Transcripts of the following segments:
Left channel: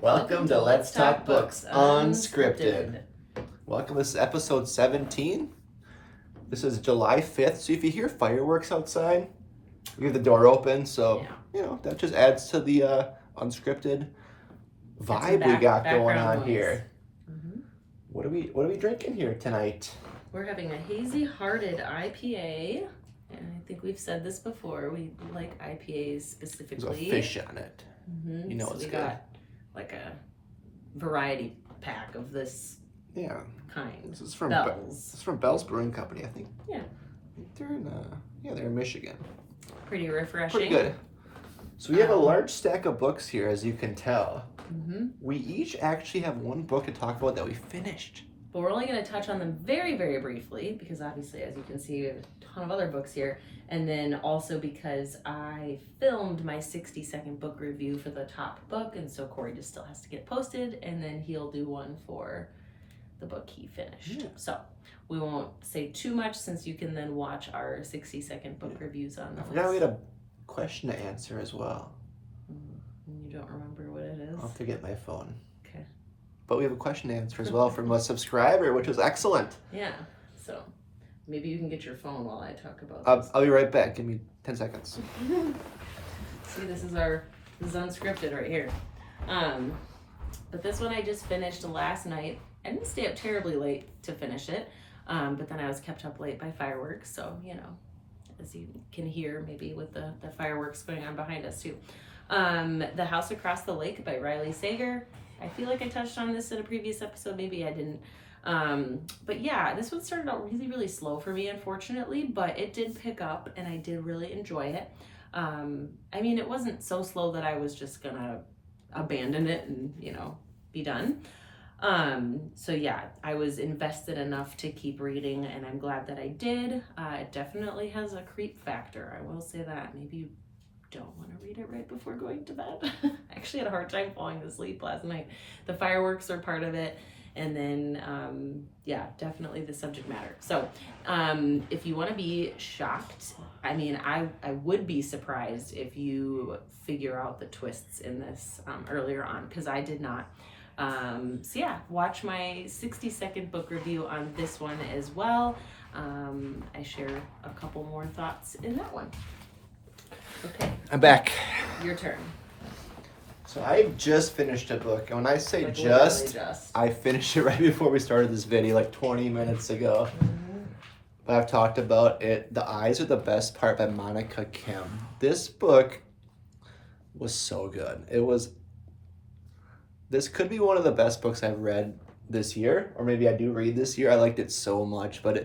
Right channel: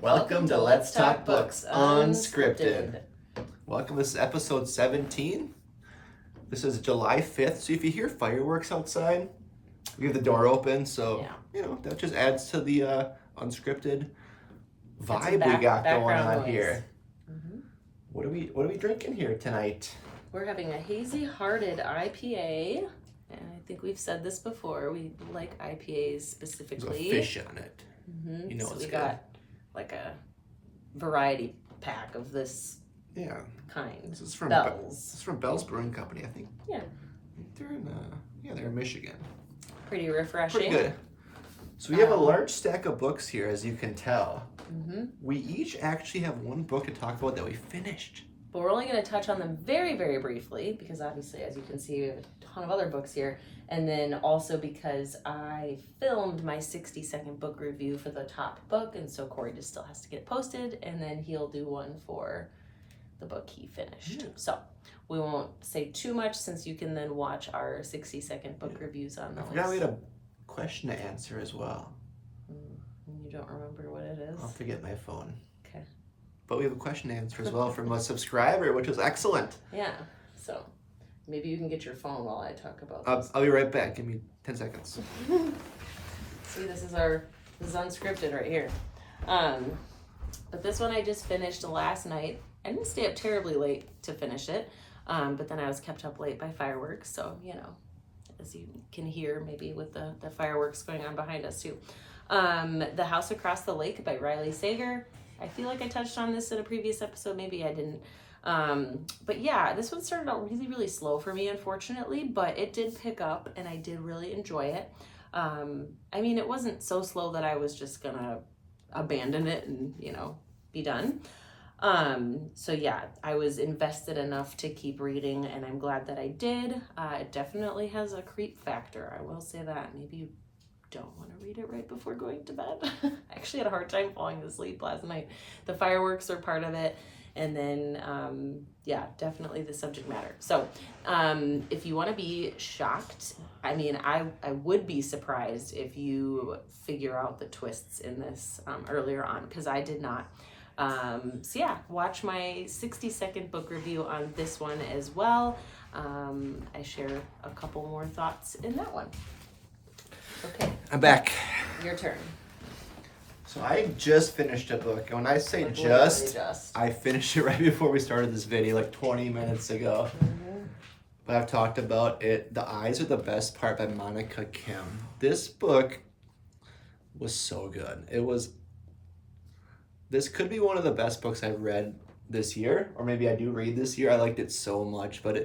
Welcome to Let's Talk Books Unscripted. Welcome, this is episode 17. This is July 5th, so if you hear fireworks outside, we have the door open, so, that just adds to the unscripted vibe we got going on here. Mm-hmm. What are we drinking here tonight? We're having a Hazy Hearted IPA, and I think we've said this before, we like IPAs specifically. There's a fish on it. Mm-hmm. You know it's we good. Got like a variety pack of this kind. This is from Bell's. This is from Bell's Brewing Company, I think. Yeah. They're in Michigan. Pretty refreshing. Pretty good. So we have a large stack of books here, as you can tell. Mm-hmm. We each actually have one book to talk about that we finished. But we're only going to touch on them very, very briefly because obviously, as you can see, we have a ton of other books here. And then also because I filmed my 60-second book review for the top book, and so Corey just still has to get posted, and then he'll do one for the book he finished. So we won't say too much since you can then watch our 60-second book reviews on those. I forgot we had a question to answer as well. You don't remember what it is? I'll have to get my phone. Okay. But we have a question to answer as well from a subscriber, which was excellent. Yeah, so maybe you can get your phone while I talk about this. I'll be right back. Give me 10 seconds. See, this is unscripted right here. But this one I just finished last night. I didn't stay up terribly late to finish it, but then I was kept up late by fireworks, so, as you can hear, maybe with the fireworks going on behind us too. The House Across the Lake by Riley Sager. I feel like I touched on this in a previous episode, maybe I didn't. But yeah, this one started out really, really slow for me, unfortunately, but it did pick up and I did really enjoy it. I mean, it wasn't so slow that I was just gonna abandon it and, be done. So yeah, I was invested enough to keep reading and I'm glad that I did. It definitely has a creep factor. I will say that. Maybe you don't want to read it right before going to bed. I actually had a hard time falling asleep last night. The fireworks are part of it. And then, definitely the subject matter. So if you want to be shocked, I mean, I would be surprised if you figure out the twists in this earlier on, because I did not. Watch my 60-second book review on this one as well. I share a couple more thoughts in that one. Okay. I'm back. Your turn. So I just finished a book. And when I say Like just, I finished it right before we started this video, like 20 minutes ago. Mm-hmm. But I've talked about it. The Eyes Are the Best Part by Monica Kim. This book was so good. This could be one of the best books I've read this year, or maybe I do read this year. I liked it so much, but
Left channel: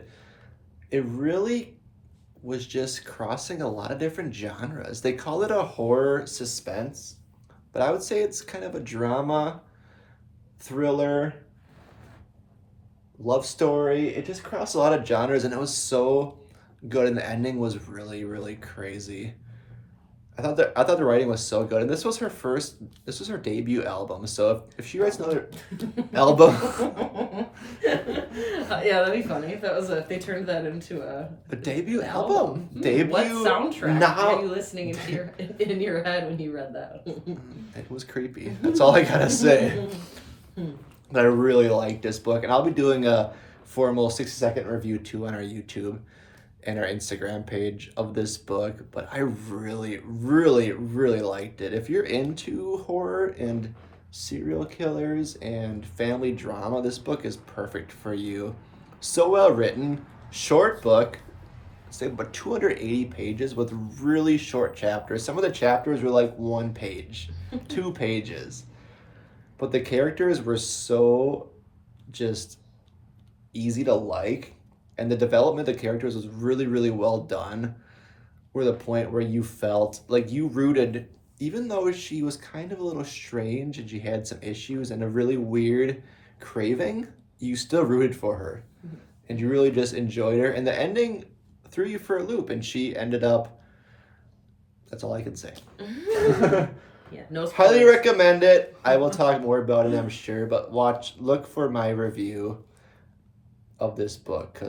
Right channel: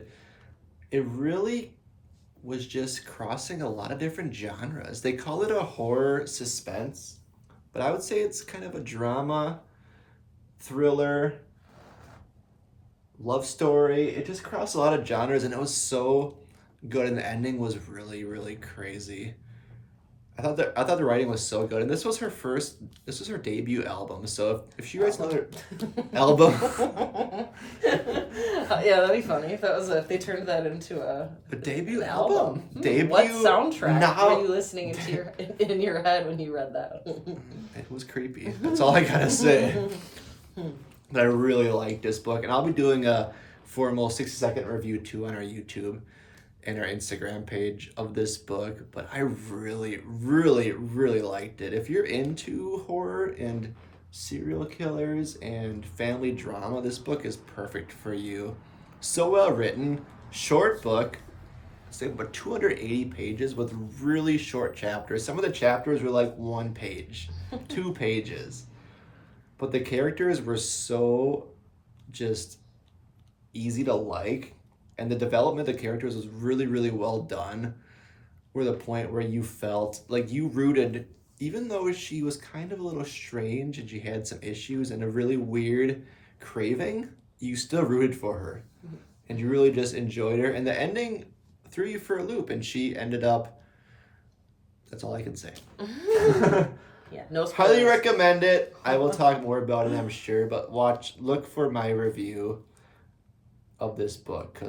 it really was just crossing a lot of different genres. They call it a horror suspense, but I would say it's kind of a drama, thriller, love story. It just crossed a lot of genres and it was so good, and the ending was really, really crazy. I thought the writing was so good, and this was her debut album. So if she writes another album, yeah, that'd be funny if they turned that into a debut album. Debut. What soundtrack were you listening in your head when you read that? It was creepy. That's all I gotta say. But I really like this book, and I'll be doing a formal 60-second review too on our YouTube and our Instagram page of this book, but I really, really, really liked it. If you're into horror and serial killers and family drama, this book is perfect for you. So well written, short book, it's like about 280 pages with really short chapters. Some of the chapters were like 1 page, 2 pages. But the characters were so just easy to like. And the development of the characters was really, really well done. Where the point where you felt like you rooted, even though she was kind of a little strange and she had some issues and a really weird craving, you still rooted for her. Mm-hmm. And you really just enjoyed her. And the ending threw you for a loop, and she ended up, that's all I can say. Yeah, no spoilers. Highly recommend it. I will talk more about it, I'm sure, but look for my review of this book,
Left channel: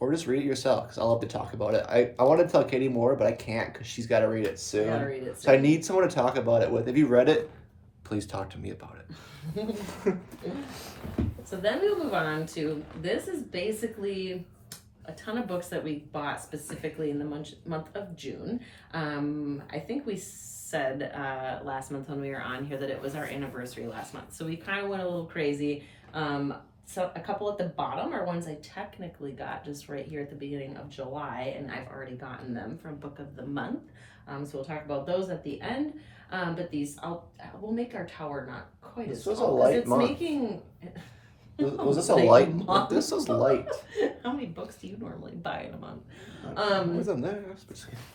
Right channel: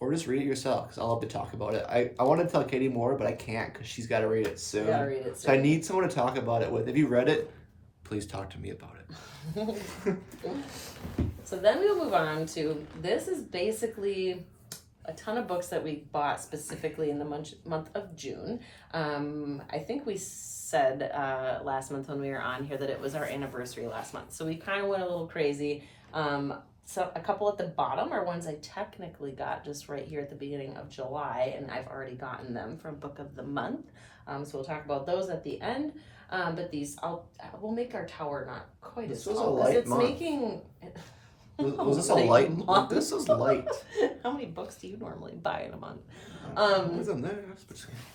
or just read it yourself, because I'll have to talk about it. I want to tell Katie more, but I can't because she's got to read it soon. You gotta read it soon. So I need someone to talk about it with. If you read it, please talk to me about it. So then we'll move on to, this is basically a ton of books that we bought specifically in the month of June. I think we said last month when we were on here that it was our anniversary last month. So we kind of went a little crazy. So a couple at the bottom are ones I technically got just right here at the beginning of July, and I've already gotten them from Book of the Month. So we'll talk about those at the end. But these, we'll make our tower not quite as tall. This was a light month. Making... Was this a light month? This is light. How many books do you normally buy in a month? What's in there?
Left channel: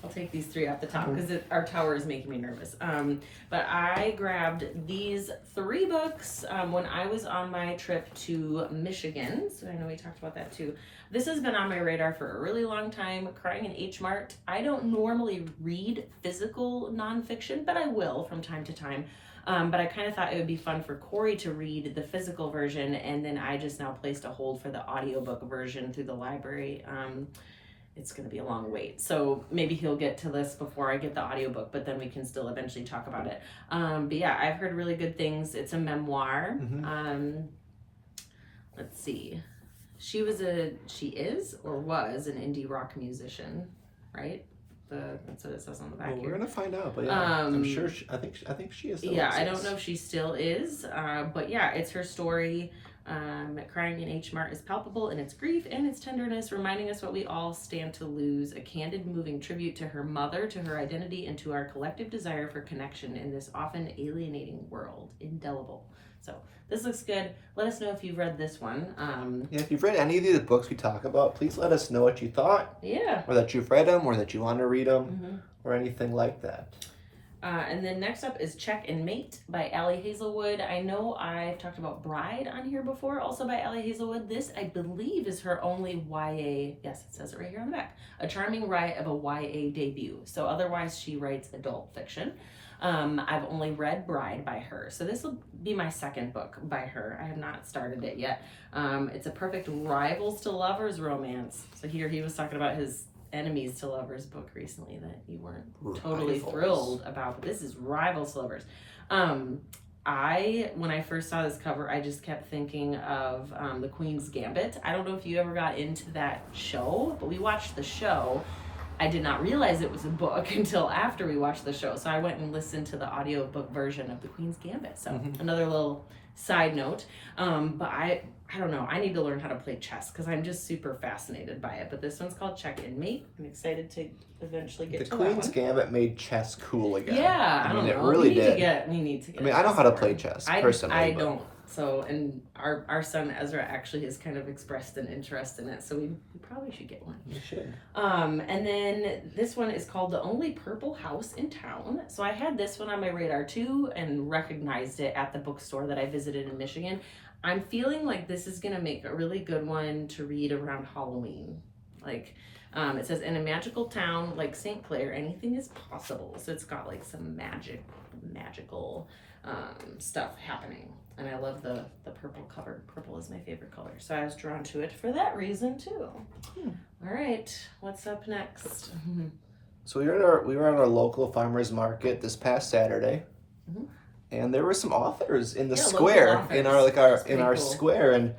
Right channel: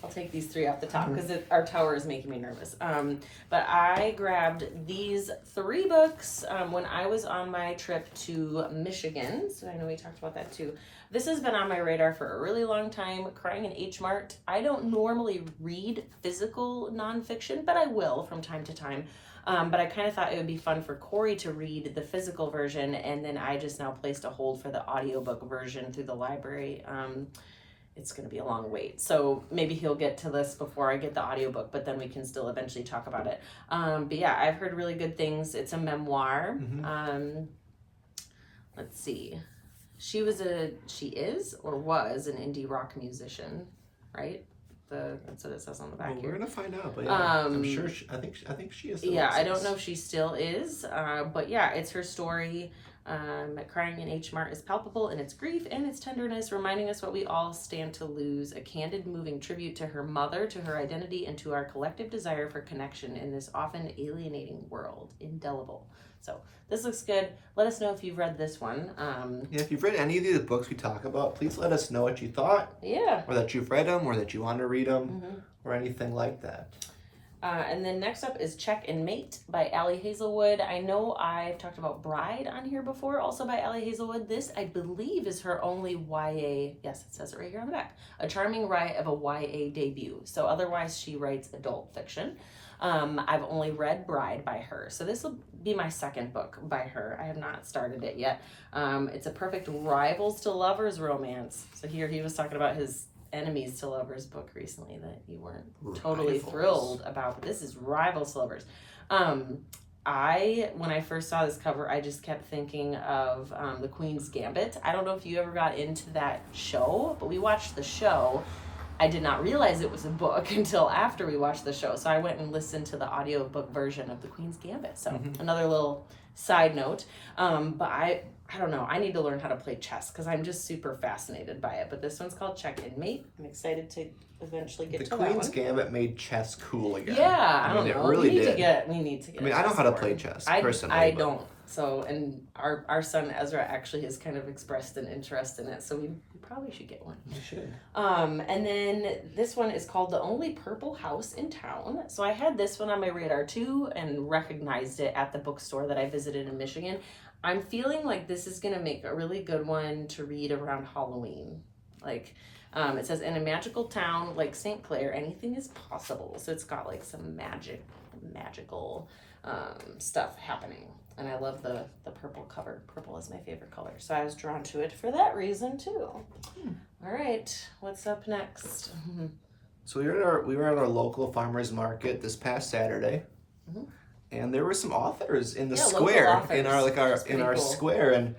I'll take these 3 off the top because our tower is making me nervous. But I grabbed these 3 books when I was on my trip to Michigan. So I know we talked about that too. This has been on my radar for a really long time. Crying in H Mart. I don't normally read physical nonfiction, but I will from time to time. But I kind of thought it would be fun for Corey to read the physical version, and then I just now placed a hold for the audiobook version through the library. It's going to be a long wait, so maybe he'll get to this before I get the audiobook, but then we can still eventually talk about it. But yeah, I've heard really good things. It's a memoir. Let's see. She is or was an indie rock musician, right? That's what it says on the back. Well, here. we're gonna find out, but yeah, I'm sure. I think she is. Yeah, I don't know if she still is, but yeah, it's her story. Crying in H Mart is palpable in its grief and its tenderness, reminding us what we all stand to lose. A candid, moving tribute to her mother, to her identity, and to our collective desire for connection in this often alienating world. Indelible. So this looks good. Let us know if you've read this one. Yeah, if you've read any of the books we talk about, please let us know what you thought. Yeah. Or that you've read them, or that you want to read them, or anything like that. And then next up is Check and Mate by Allie Hazelwood. I know I've talked about Bride on here before, also by Allie Hazelwood. This, I believe, is her only YA, yes, it says it right here on the back, a charming riot of a YA debut. So otherwise she writes adult fiction. I've only read Bride by her. So this will be my second book by her. I have not started it yet. It's a perfect rivals to lovers romance. So here he was talking about his enemies to lovers book recently that you weren't totally thrilled about, but this is rivals to lovers. When I first saw this cover, I just kept thinking of The Queen's Gambit. I don't know if you ever got into that show, but we watched the show. I did not realize it was a book until after we watched the show. So I went and listened to the audiobook version of The Queen's Gambit. So another little side note. But I don't know. I need to learn how to play chess because I'm just super fascinated by it. But this one's called Check and Mate. I'm excited to eventually get to that one. The Queen's Gambit made chess cool again. Yeah, I don't know. It really did. We need to get I mean, I know how to play chess, personally. I don't. So, and our son Ezra actually has kind of expressed an interest in it, so we probably should get one. We should. And then this one is called The Only Purple House in Town. So I had this one on my radar too and recognized it at the bookstore that I visited in Michigan. I'm feeling like this is going to make a really good one to read around Halloween. Like, it says, in a magical town like St. Clair, anything is possible. So it's got like some magical stuff happening. And I love the purple cover. Purple is my favorite color. So I was drawn to it for that reason too. All right, what's up next? So we were at our local farmers market this past Saturday. And there were some authors in the square, in our square, and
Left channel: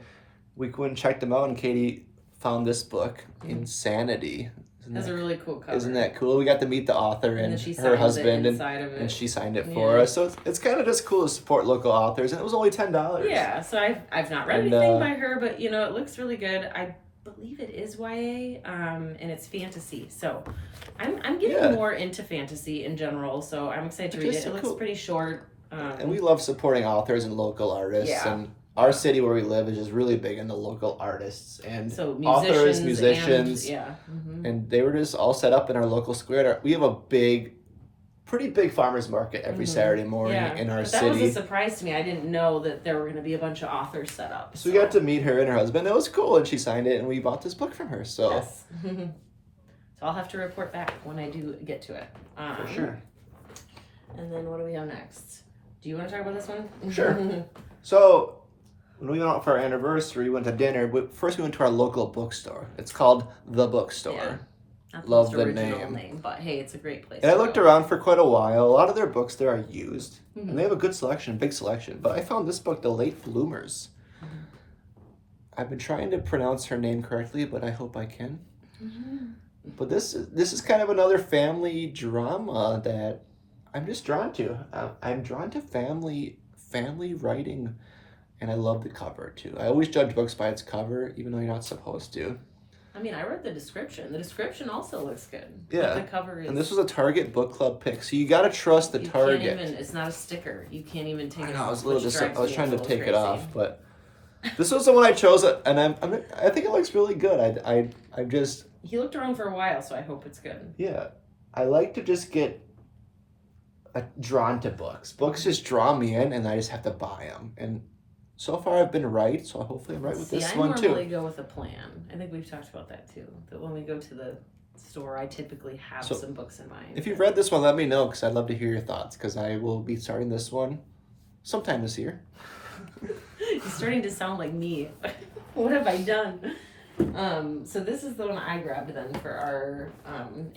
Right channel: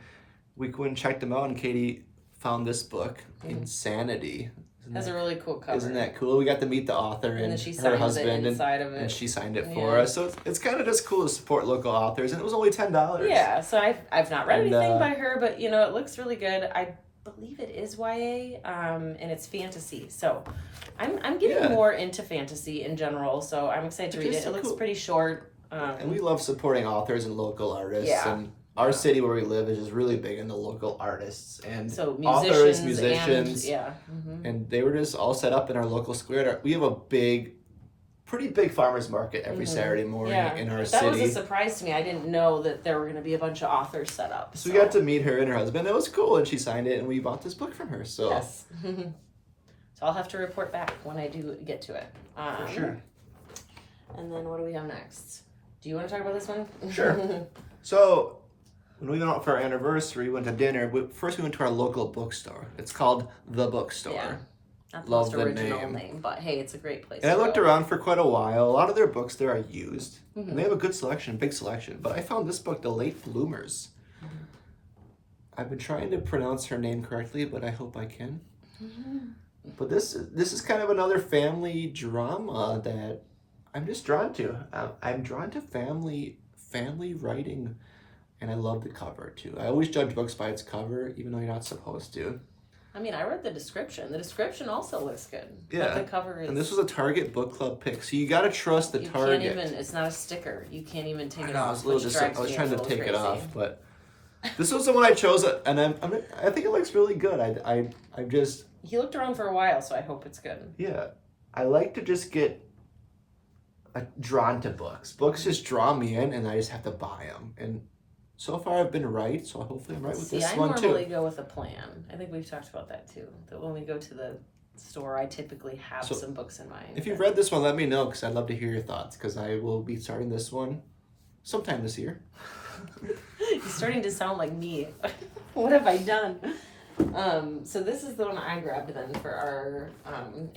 we went and checked them out. And Katie found this book, Insanity. That's a really cool cover. Isn't that cool? We got to meet the author and her husband, and she signed it for us. So it's kind of just cool to support local authors, and it was only $10. Yeah, so I've not read anything by her, but you know it looks really good. I believe it is YA, and it's fantasy. So I'm getting more into fantasy in general. So I'm excited to read it. It looks pretty short. And we love supporting authors and local artists. And our city where we live is just really big into local artists and so authors, musicians. And, and they were just all set up in our local square. We have a pretty big farmers market every Saturday morning in our city. That was a surprise to me. I didn't know that there were going to be a bunch of authors set up. So we got to meet her and her husband. It was cool, and she signed it, and we bought this book from her. So yes. So I'll have to report back when I do get to it. For sure. And then what do we have next? Do you want to talk about this one? Sure. So when we went out for our anniversary, we went to dinner. First, we went to our local bookstore. It's called The Bookstore. Not Love most the original name. but hey, it's a great place. And I to looked go. around for quite a while. A lot of their books there are used, Mm-hmm. and they have a good selection, big selection. But I found this book, The Late Bloomers. Mm-hmm. I've been trying to pronounce her name correctly, but I hope I can. Mm-hmm. But this is kind of another family drama that I'm just drawn to. I'm drawn to family writing, and I love the cover too. I always judge books by its cover, even though you're not supposed to. I mean, I read the description. The description also looks good. Yeah. But the cover is... And this was a Target book club pick, so you gotta trust the Target. Can't even, it's not a sticker. You can't even take it off. I was trying to take crazy. it off, but this was the one I chose, and I think it looks really good. I just... He looked around for a while, so I hope it's good. Yeah. I like to just get drawn to books. Books just draw me in, and I just have to buy them. And so far, I've been right, so hopefully I'm right with this one, too. I normally go with a plan. I think we've talked about that, too. That when we go to the store, I typically have some books in mind. If you've read this one, let me know, because I'd love to hear your thoughts, because I will be starting this one sometime this year. You're starting to sound like me. What have I done? So this is the one I grabbed then for our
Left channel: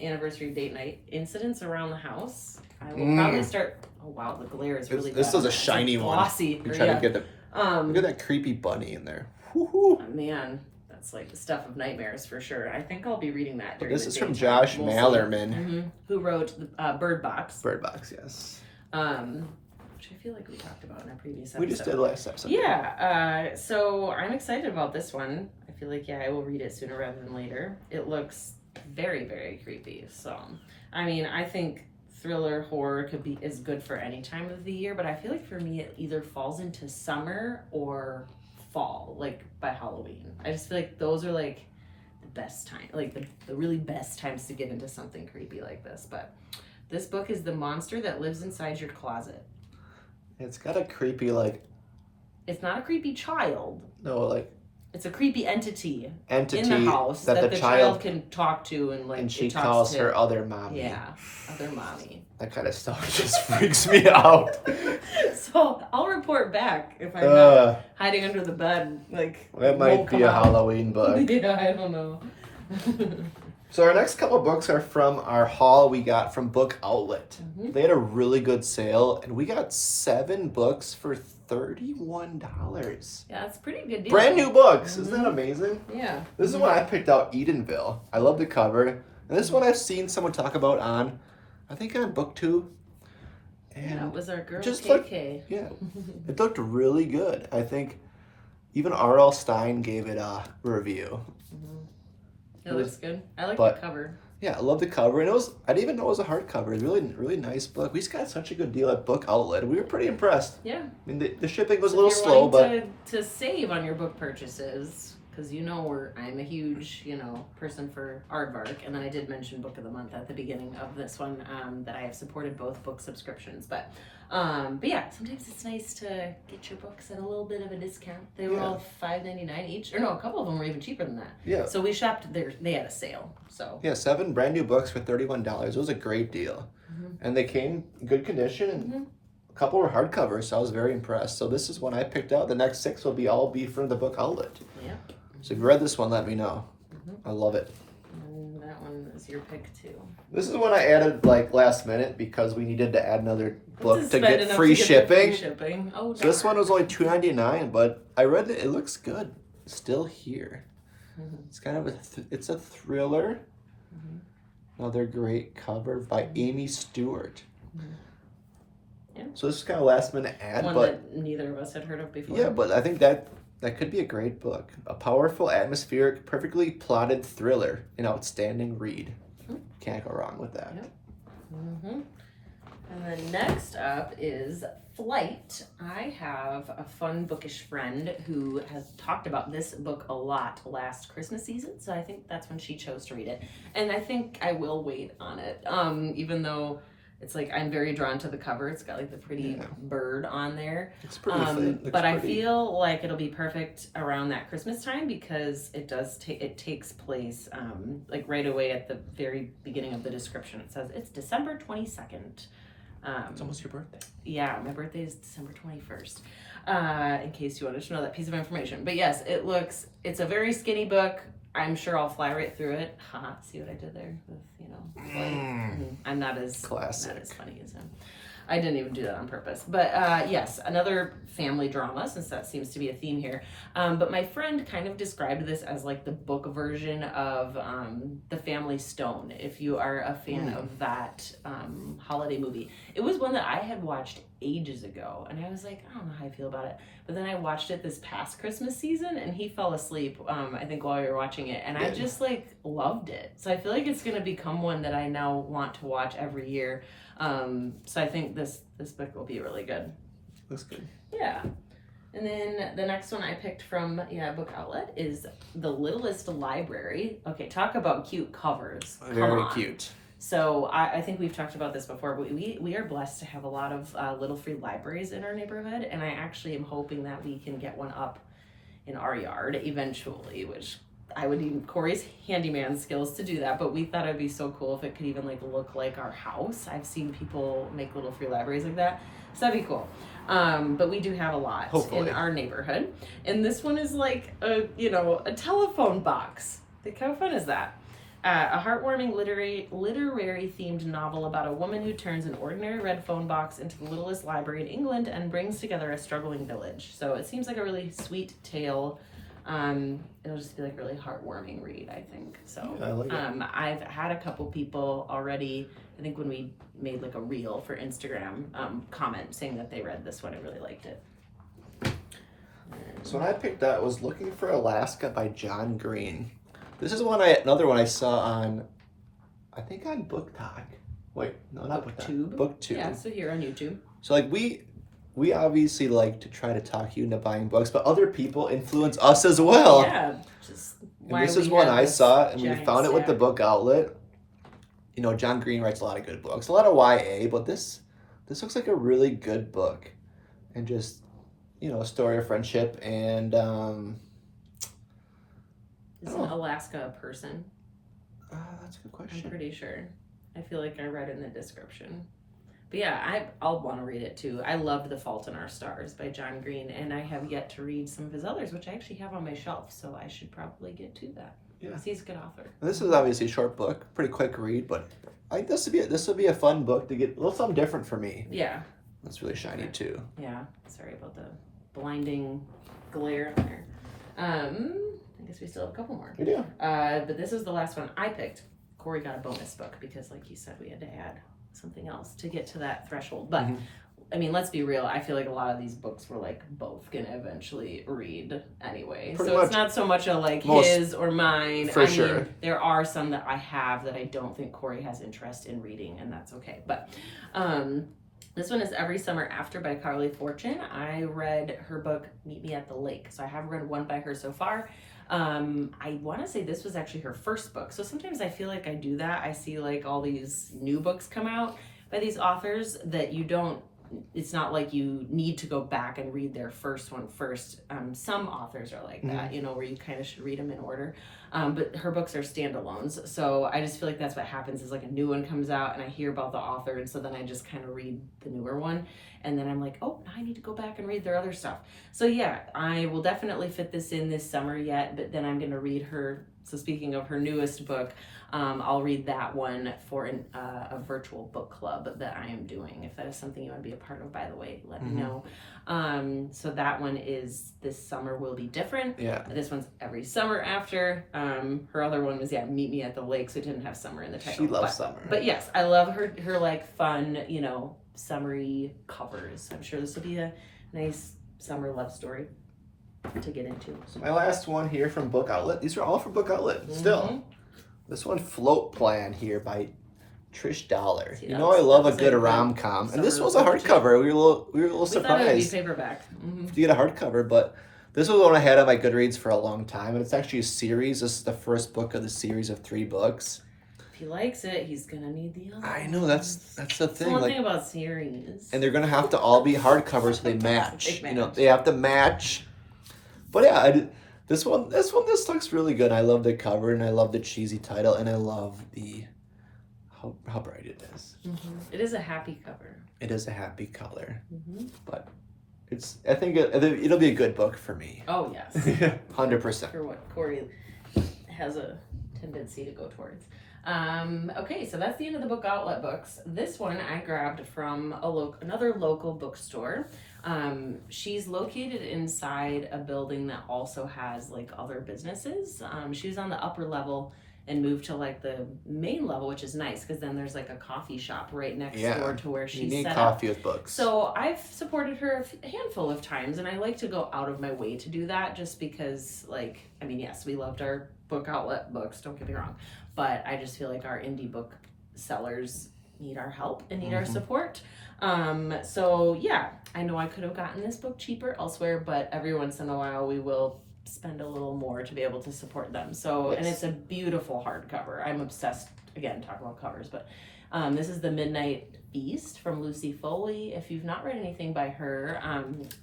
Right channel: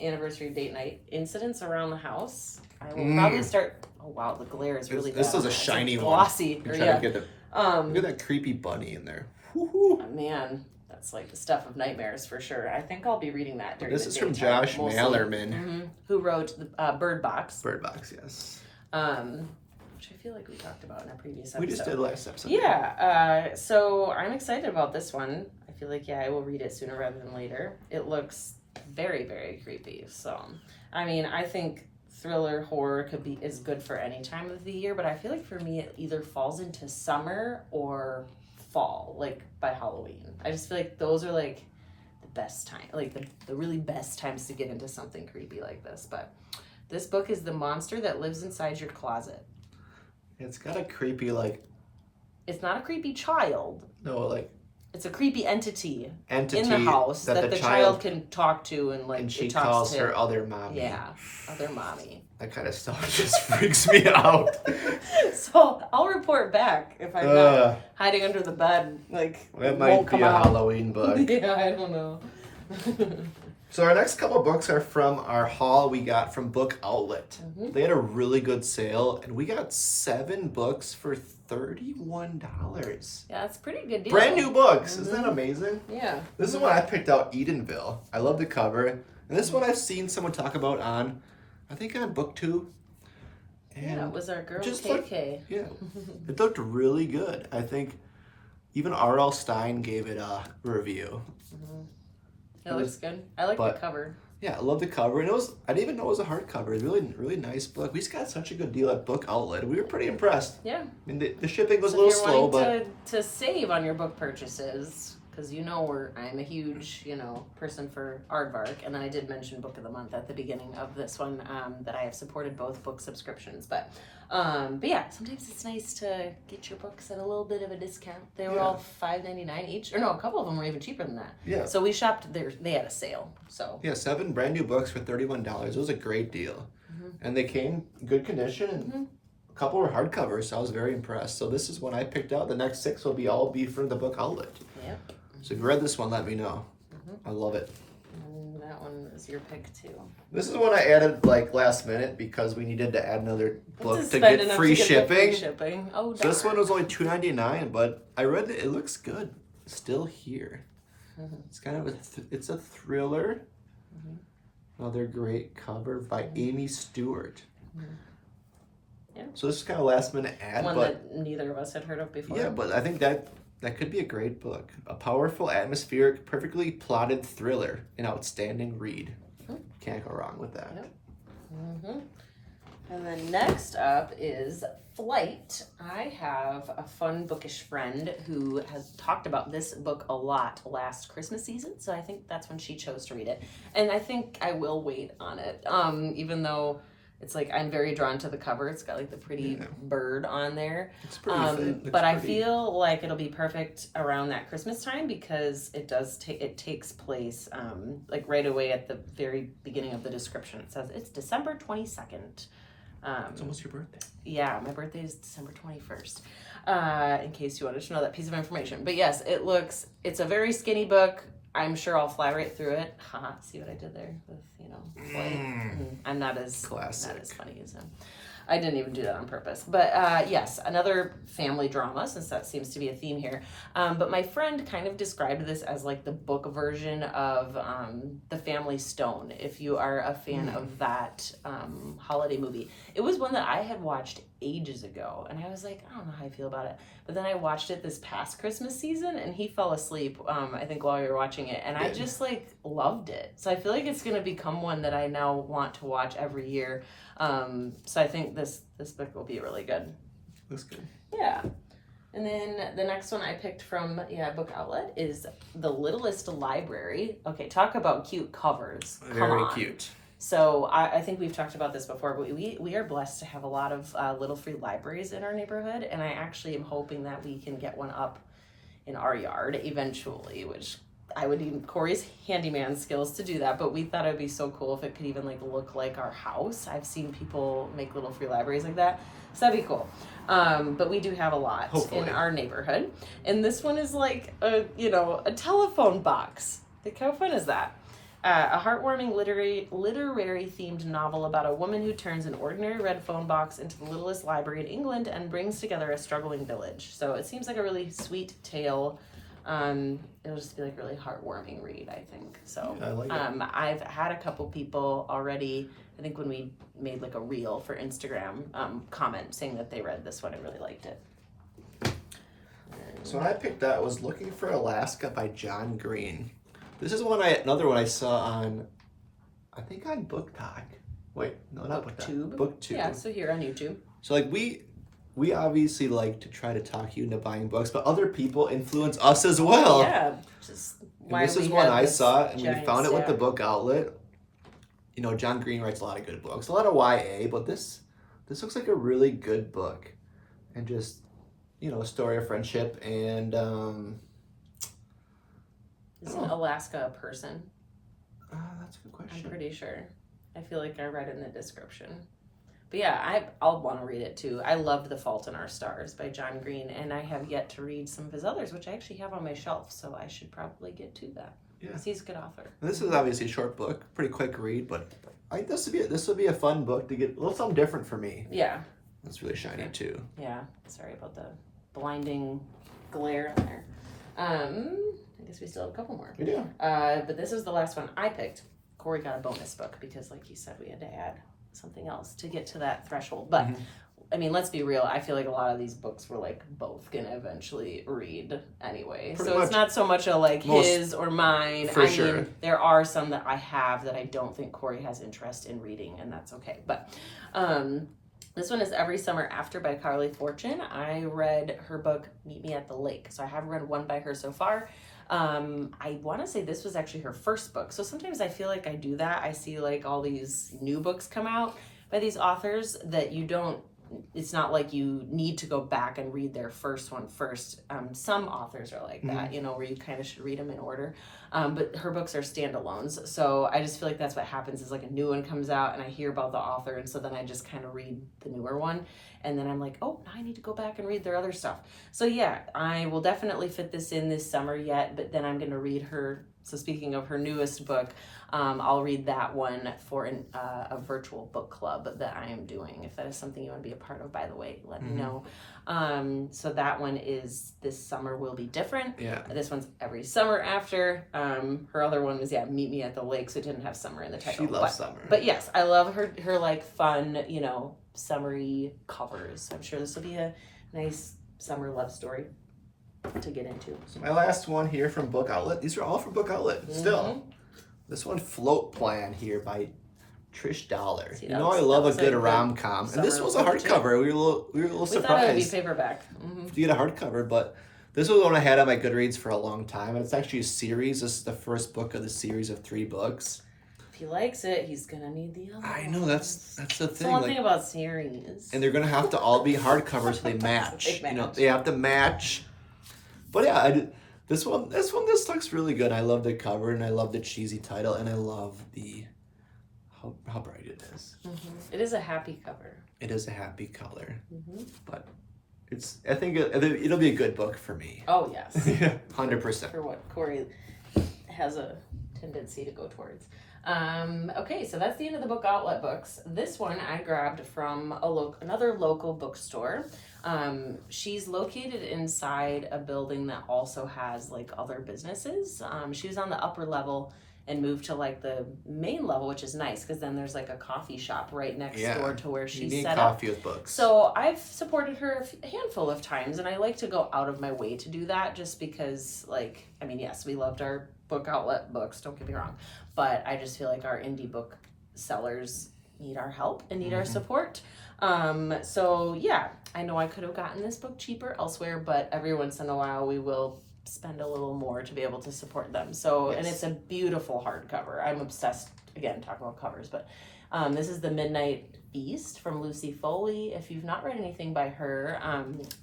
anniversary date night. Incidents Around the House. I will probably start... Oh, wow, the glare is really This bad. was a shiny one. Glossy. I'm trying to get look at that creepy bunny in there. Oh, man, that's like the stuff of nightmares for sure. I think I'll be reading that during This the is from daytime, Josh mostly. Mallerman. Who wrote the Bird Box. Bird Box, yes. Which I feel like we talked about in a previous episode. We just did last episode. Yeah, so I'm excited about this one. I feel like, I will read it sooner rather than later. It looks very, very creepy. So, I mean, I think thriller horror is good for any time of the year, but I feel like for me it either falls into summer or fall, like by Halloween. I just feel like those are like the best time, like the really best times to get into something creepy like this. But this book is The Monster That Lives Inside Your Closet. It's got a creepy, like... It's not a creepy child. No, like... It's a creepy entity in the house that the child can talk to, and she calls her other mommy. Yeah, other mommy. That kind of stuff just freaks me out. So I'll report back if I'm not hiding under the bed. Like that might be a Halloween book. Yeah, I don't know. So our next couple books are from our haul we got from Book Outlet. They had a really good sale, and we got 7 books for $31. Yeah, that's a pretty good deal. Brand new books. Isn't that amazing? Yeah. This is one I picked out, Edenville. I love the cover. And this one I've seen someone talk about on, I think on BookTube. And it was our girl KK. Yeah. It looked really good. I think even R.L. Stein gave it a review. It looks good. I like the cover. Yeah, I love the cover. And I didn't even know it was a hardcover. It's really, really nice book. We just got such a good deal at Book Outlet. We were pretty impressed. Yeah. I mean, the shipping was a little slow, but... to save on your book purchases, because I'm a huge, person for Aardvark, and then I did mention Book of the Month at the beginning of this one, that I have supported both book subscriptions. But yeah, sometimes it's nice to get your books at a little bit of a discount. They were all $5.99 each, or no, a couple of them were even cheaper than that. Yeah. So we shopped there. They had a sale. So yeah, 7 brand new books for $31. It was a great deal, and they came in good condition. And a couple were hardcovers, so I was very impressed. So this is one I picked out. The next 6 will be from the Book Outlet. Yep. So if you read this one, let me know. I love it. And that one is your pick too. This is one I added last minute because we needed to add another book to get free shipping. Oh, so this one was only $2.99, but I read it. It looks good. It's still here. It's kind of it's a thriller. Another great cover by Amy Stewart. Yeah. So this is kind of a last minute ad, one that neither of us had heard of before. Yeah, but I think that could be a great book. A powerful, atmospheric, perfectly plotted thriller. An outstanding read. Can't go wrong with that. Yep. And then next up is Flight. I have a fun bookish friend who has talked about this book a lot last Christmas season, so I think that's when she chose to read it. And I think I will wait on it, even though it's like I'm very drawn to the cover. It's got like the pretty bird on there. It's pretty but I feel like it'll be perfect around that Christmas time because it does it takes place like right away at the very beginning of the description. It says it's December 22nd. It's almost your birthday. Yeah, my birthday is December 21st. In case you wanted to know that piece of information. But yes, it's a very skinny book. I'm sure I'll fly right through it. Haha, see what I did there with, flight? I'm not as Classic. not as funny as him. I didn't even do that on purpose. But yes, another family drama, since that seems to be a theme here. But my friend kind of described this as like the book version of The Family Stone, if you are a fan of that holiday movie. It was one that I had watched ages ago, and I was like, I don't know how I feel about it. But then I watched it this past Christmas season, and he fell asleep, I think, while we were watching it. And I just, like, loved it. So I feel like it's going to become one that I now want to watch every year. So I think this book will be really good. Looks good. Yeah. And then the next one I picked from Book Outlet is The Littlest Library. Okay, talk about cute covers. Very cute. So I think we've talked about this before, but we are blessed to have a lot of little free libraries in our neighborhood, and I actually am hoping that we can get one up in our yard eventually, which I would need Corey's handyman skills to do that, but we thought it would be so cool if it could even like look like our house. I've seen people make little free libraries like that, so that'd be cool. But we do have a lot in our neighborhood, and this one is like a telephone box. Like, how fun is that? A heartwarming literary themed novel about a woman who turns an ordinary red phone box into the littlest library in England and brings together a struggling village. So it seems like a really sweet tale. It'll just be like a really heartwarming read, I think. So I like it. I've had a couple people already, I think when we made like a reel for Instagram, comment saying that they read this one and really liked it. So when I picked that, was Looking for Alaska by John Green. This is another one I saw on, I think on BookTok. Wait, no, not BookTok. BookTube. Yeah, so here on YouTube. So like we obviously like to try to talk you into buying books, but other people influence us as well. Yeah, and this is one I saw, and we found it with the Book Outlet. John Green writes a lot of good books, a lot of YA, but this looks like a really good book, and just a story of friendship and. Isn't Alaska a person? That's a good question. I'm pretty sure. I feel like I read it in the description. But yeah, I'll want to read it too. I loved The Fault in Our Stars by John Green, and I have yet to read some of his others, which I actually have on my shelf, so I should probably get to that. Yeah. Because he's a good author. And this is obviously a short book, pretty quick read, but I think this would be a fun book to get a little something different for me. Yeah. It's really shiny too. Yeah. Sorry about the blinding glare in there. I guess we still have a couple more. We do. But this was the last one I picked. Corey got a bonus book because, like you said, we had to add something else to get to that threshold. But, I mean, let's be real. I feel like a lot of these books we're, like, both going to eventually read anyway. It's not so much a, like, his or mine. For sure. Mean, there are some that I have that I don't think Corey has interest in reading, and that's okay. But, this one is Every Summer After by Carly Fortune. I read her book, Meet Me at the Lake. So I have read one by her so far. I want to say this was actually her first book. So sometimes I feel like I do that. I see like all these new books come out by these authors that it's not like you need to go back and read their first one first. Some authors are like that, where you kind of should read them in order. But her books are standalones. So I just feel like that's what happens is like a new one comes out and I hear about the author. And so then I just kind of read the newer one. And then I'm like, oh, now I need to go back and read their other stuff. So yeah, I will definitely fit this in this summer yet. But then I'm going to read her. So speaking of her newest book, I'll read that one for a virtual book club that I am doing. If that is something you want to be a part of, by the way, let me know. So that one is This Summer Will Be Different. Yeah. This one's Every Summer After. Her other one was, Meet Me at the Lake, so it didn't have summer in the title. She loves summer. But yes, I love her like fun, summery covers. I'm sure this will be a nice summer love story to get into. So my last one here from Book Outlet. These are all from Book Outlet still. This one, Float Plan here by Trish Dollar. See, I love a good rom-com. And this was a hardcover. We were a little surprised. Thought it would be paperback. To get a hardcover, but this was one I had on my Goodreads for a long time, and it's actually a series. This is the first book of the series of 3 books. If he likes it, he's gonna need the other. I know, that's the thing. One thing about series. And they're gonna have to all be hardcovers so they match. They have to match. But yeah, this looks really good. I love the cover, and I love the cheesy title, and I love the how bright it is. It is a happy cover. It is a happy color, but I think it'll be a good book for me. Oh yes, 100%. For what Corey has a tendency to go towards. Okay, so that's the end of the book outlet books. This one I grabbed from another local bookstore. She's located inside a building that also has like other businesses. She's on the upper level and moved to like the main level, which is nice because then there's like a coffee shop right next door to where she's set coffee up. with books. So I've supported her a handful of times, and I like to go out of my way to do that just because, like, I mean, yes, we loved our book outlet books, don't get me wrong, but I just feel like our indie book sellers need our help and need our support. So yeah, I know I could have gotten this book cheaper elsewhere, but every once in a while we will spend a little more to be able to support them. So, and it's a beautiful hardcover. I'm obsessed, again, talking about covers, but this is The Midnight Feast from Lucy Foley. If you've not read anything by her,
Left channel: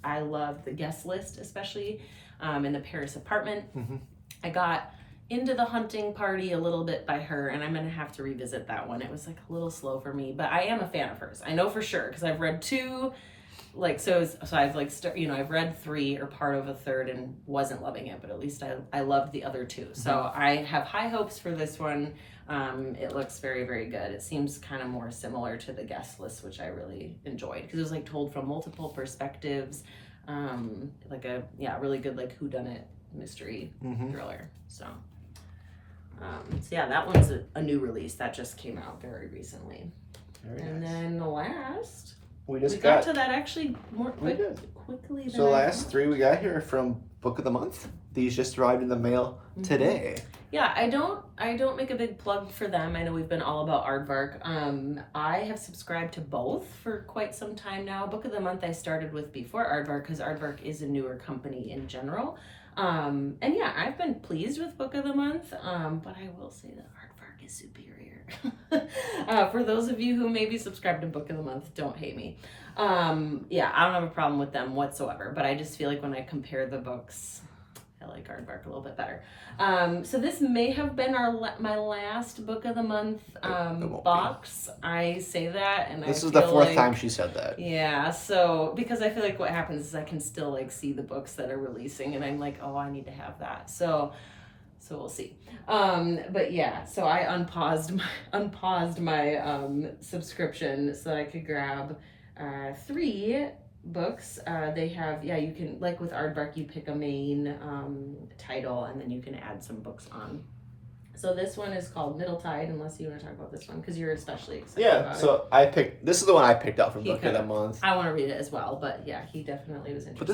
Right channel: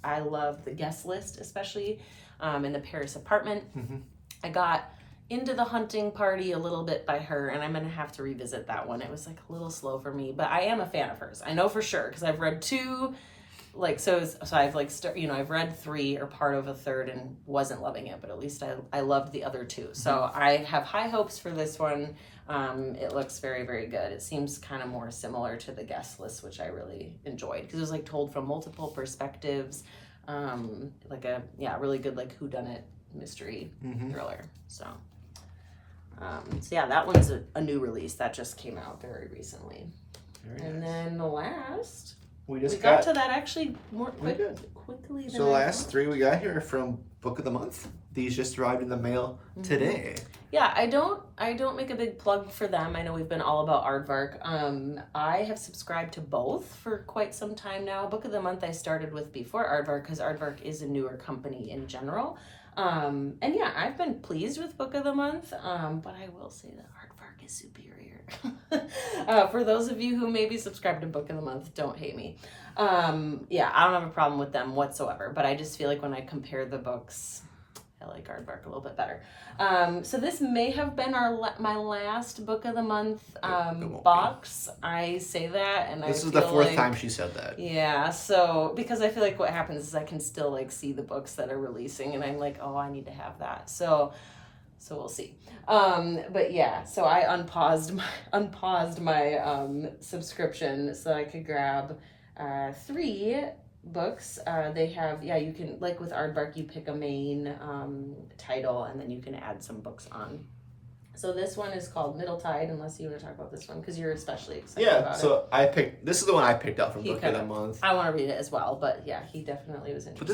I love The Guest List, especially in The Paris Apartment. I got into The Hunting Party a little bit by her, and I'm gonna have to revisit that one. It was like a little slow for me, but I am a fan of hers. I know for sure because I've read 2. Like, so I've like, I've read 3 or part of a third and wasn't loving it, but at least I loved the other 2. So I have high hopes for this one. It looks very, very good. It seems kind of more similar to The Guest List, which I really enjoyed because it was like told from multiple perspectives. Like a, really good like whodunit mystery thriller. So yeah, that one's a new release that just came out very recently. Very nice. Then the last... We got to that actually more quickly than So the last 3 we got here are from Book of the Month. These just arrived in the mail today. Yeah, I don't make a big plug for them. I know we've been all about Aardvark. I have subscribed to both for quite some time now. Book of the Month I started with before Aardvark because Aardvark is a newer company in general. And yeah, I've been pleased with Book of the Month, but I will say that Aardvark is superior. For those of you who maybe subscribe to Book of the Month, don't hate me. Yeah, I don't have a problem with them whatsoever, but I just feel like when I compare the books, I like Aardvark a little bit better. So this may have been my last Book of the Month box. I say that, and this is the 4th time she said that. Yeah, so because I feel like what happens is I can still like see the books that are releasing, and I'm like, oh, I need to have that. So we'll see. But yeah, so I unpaused my subscription so that I could grab 3 books. They have, you can, like with Aardvark, you pick a main title and then you can add some books on. So this one is called Middle Tide, unless you want to talk about this one because you're especially excited about it. So this is the one I picked out from Book of the Month. I want to read it as well, but yeah, he definitely was interested. But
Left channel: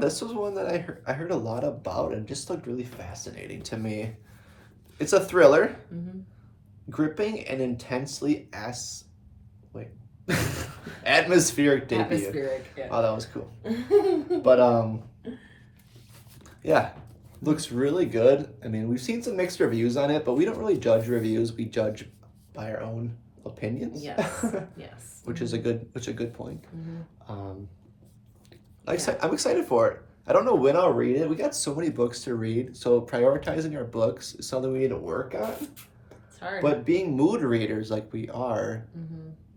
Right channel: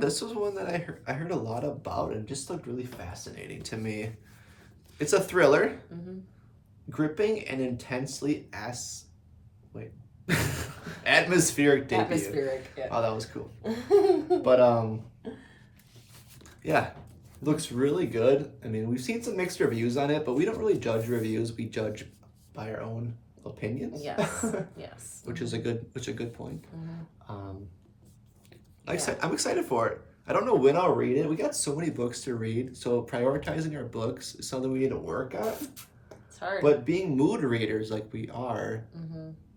this was one that I heard a lot about and just looked really fascinating to me. It's a thriller, gripping and intensely atmospheric debut. Atmospheric, yeah. Oh, that was cool. But yeah. Looks really good. I mean, we've seen some mixed reviews on it, but we don't really judge reviews. We judge by our own opinions. Yes, yes. Which is a good point. I'm excited for it. I don't know when I'll read it. We got so many books to read, so prioritizing our books is something we need to work on. It's hard. But being mood readers like we are,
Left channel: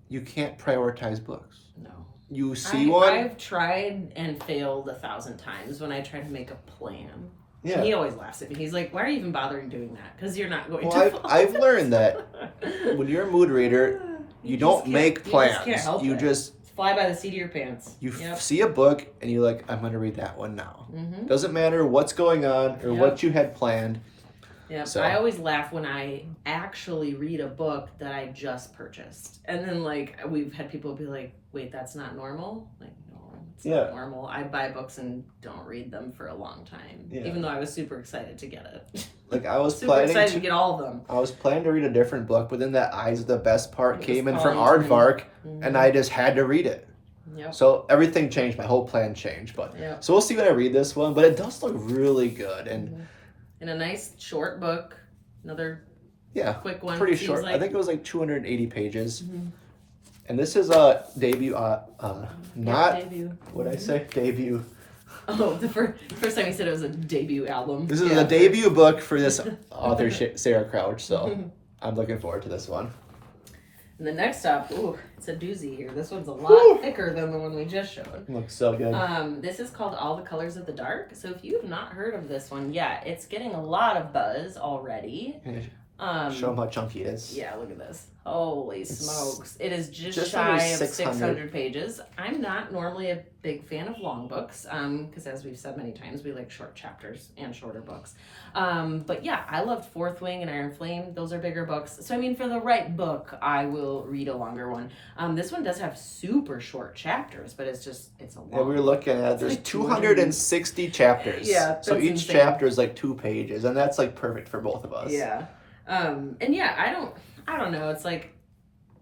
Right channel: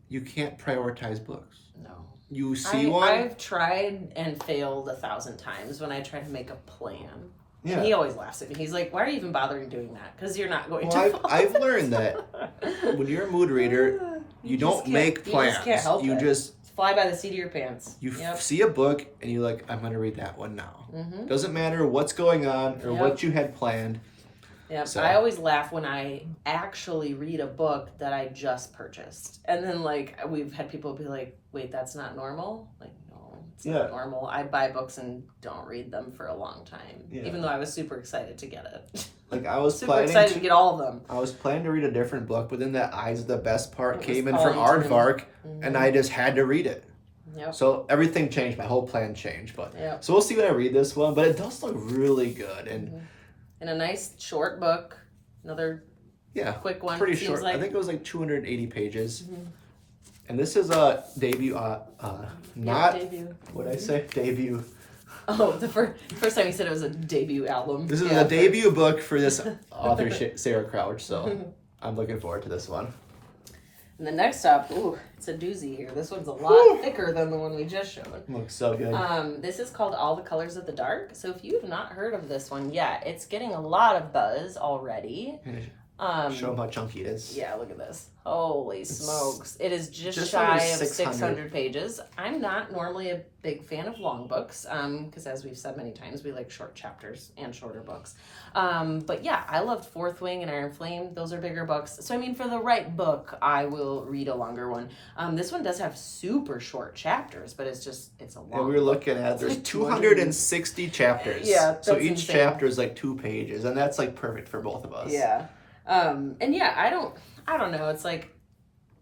you can't prioritize books. No. You see one. I've tried and failed 1,000 times when I try to make a plan. Yeah. He always laughs at me. He's like, why are you even bothering doing that? Because you're not going to. Well, I've learned that when you're a mood reader, you don't make plans. You just can't help it. Just fly by the seat of your pants. You see a book and you're like, I'm going to read that one now. Doesn't matter what's going on or what you had planned. Yeah, so I always laugh when I actually read a book that I just purchased. And then, like, we've had people be like, wait, that's not normal? Like, no, it's not normal. I buy books and don't read them for a long time. Yeah. Even though I was super excited to get it. Like, I was super excited to get all of them. I was planning to read a different book, but then that Eyes of the Best Part came in from Aardvark, and I just had to read it. Yep. So everything changed. My whole plan changed. But so we'll see when I read this one. But it does look really good. And a nice short book. Another quick one. Pretty short. Like... I think it was like 280 pages. And this is a debut. Debut. What'd I say? Debut. Oh, the first time you said it was a debut album. This is a debut book for this author, Sarah Crouch. So I'm looking forward to this one. And the next up, ooh, it's a doozy here. This one's a lot thicker than the one we just showed. Looks so good. This is called All the Colors of the Dark. So if you have not heard of this one yet, it's getting a lot of buzz already. Show them how chunky it is. Yeah, look at this. Holy smokes. It is just under shy of 600 pages. I'm not normally a big fan of long books, because as we've said many times, we like short chapters and shorter books. But yeah, I loved Fourth Wing and Iron Flame. Those are bigger books. So I mean, for the right book, I will read a longer one. This one does have super short chapters, but it's a long Yeah, we were looking at, there's 260 chapters. Yeah, so each insane. chapter is like 2 pages, and that's like perfect for both of us. Yeah. And yeah, I don't know. It's like,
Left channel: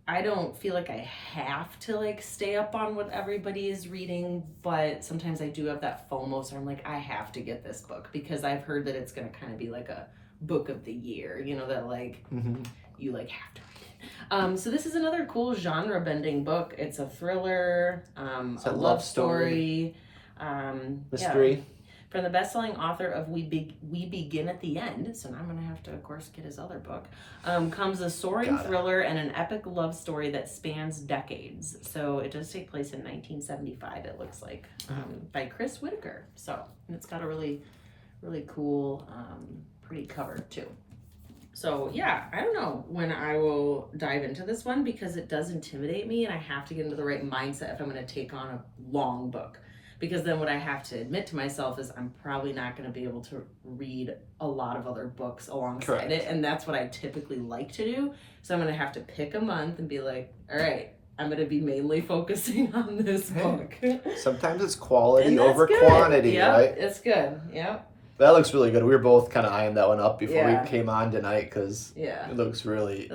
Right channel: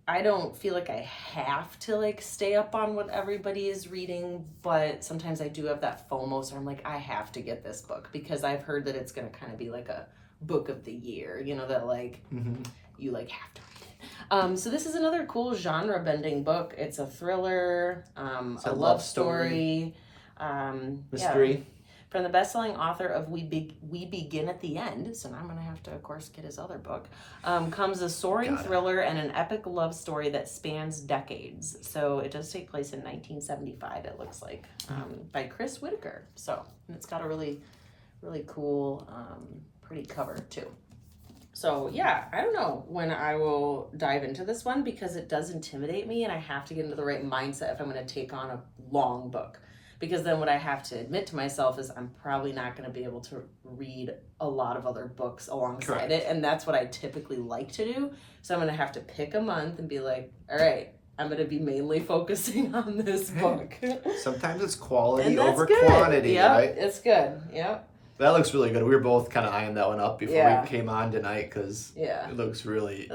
I don't feel like I have to like stay up on what everybody is reading, but sometimes I do have that FOMO, so I'm like, I have to get this book because I've heard that it's going to kind of be like a book of the year, you know, that like you like have to read it. So this is another cool genre bending book. It's a thriller, a love story, mystery. Yeah. From the best-selling author of We Begin at the End, so now I'm going to have to, of course, get his other book, comes a soaring thriller and an epic love story that spans decades. So it does take place in 1975, it looks like, by Chris Whitaker. So, and it's got a really, really cool, pretty cover, too. So, yeah, I don't know when I will dive into this one because it does intimidate me and I have to get into the right mindset if I'm going to take on a long book. Because then what I have to admit to myself is I'm probably not going to be able to read a lot of other books alongside it. And that's what I typically like to do. So I'm going to have to pick a month and be like, all right, I'm going to be mainly focusing on this book. Sometimes it's quality over quantity, right? It's good. Yep. That looks really good. We were both kind of eyeing that one up before we came on tonight because it looks really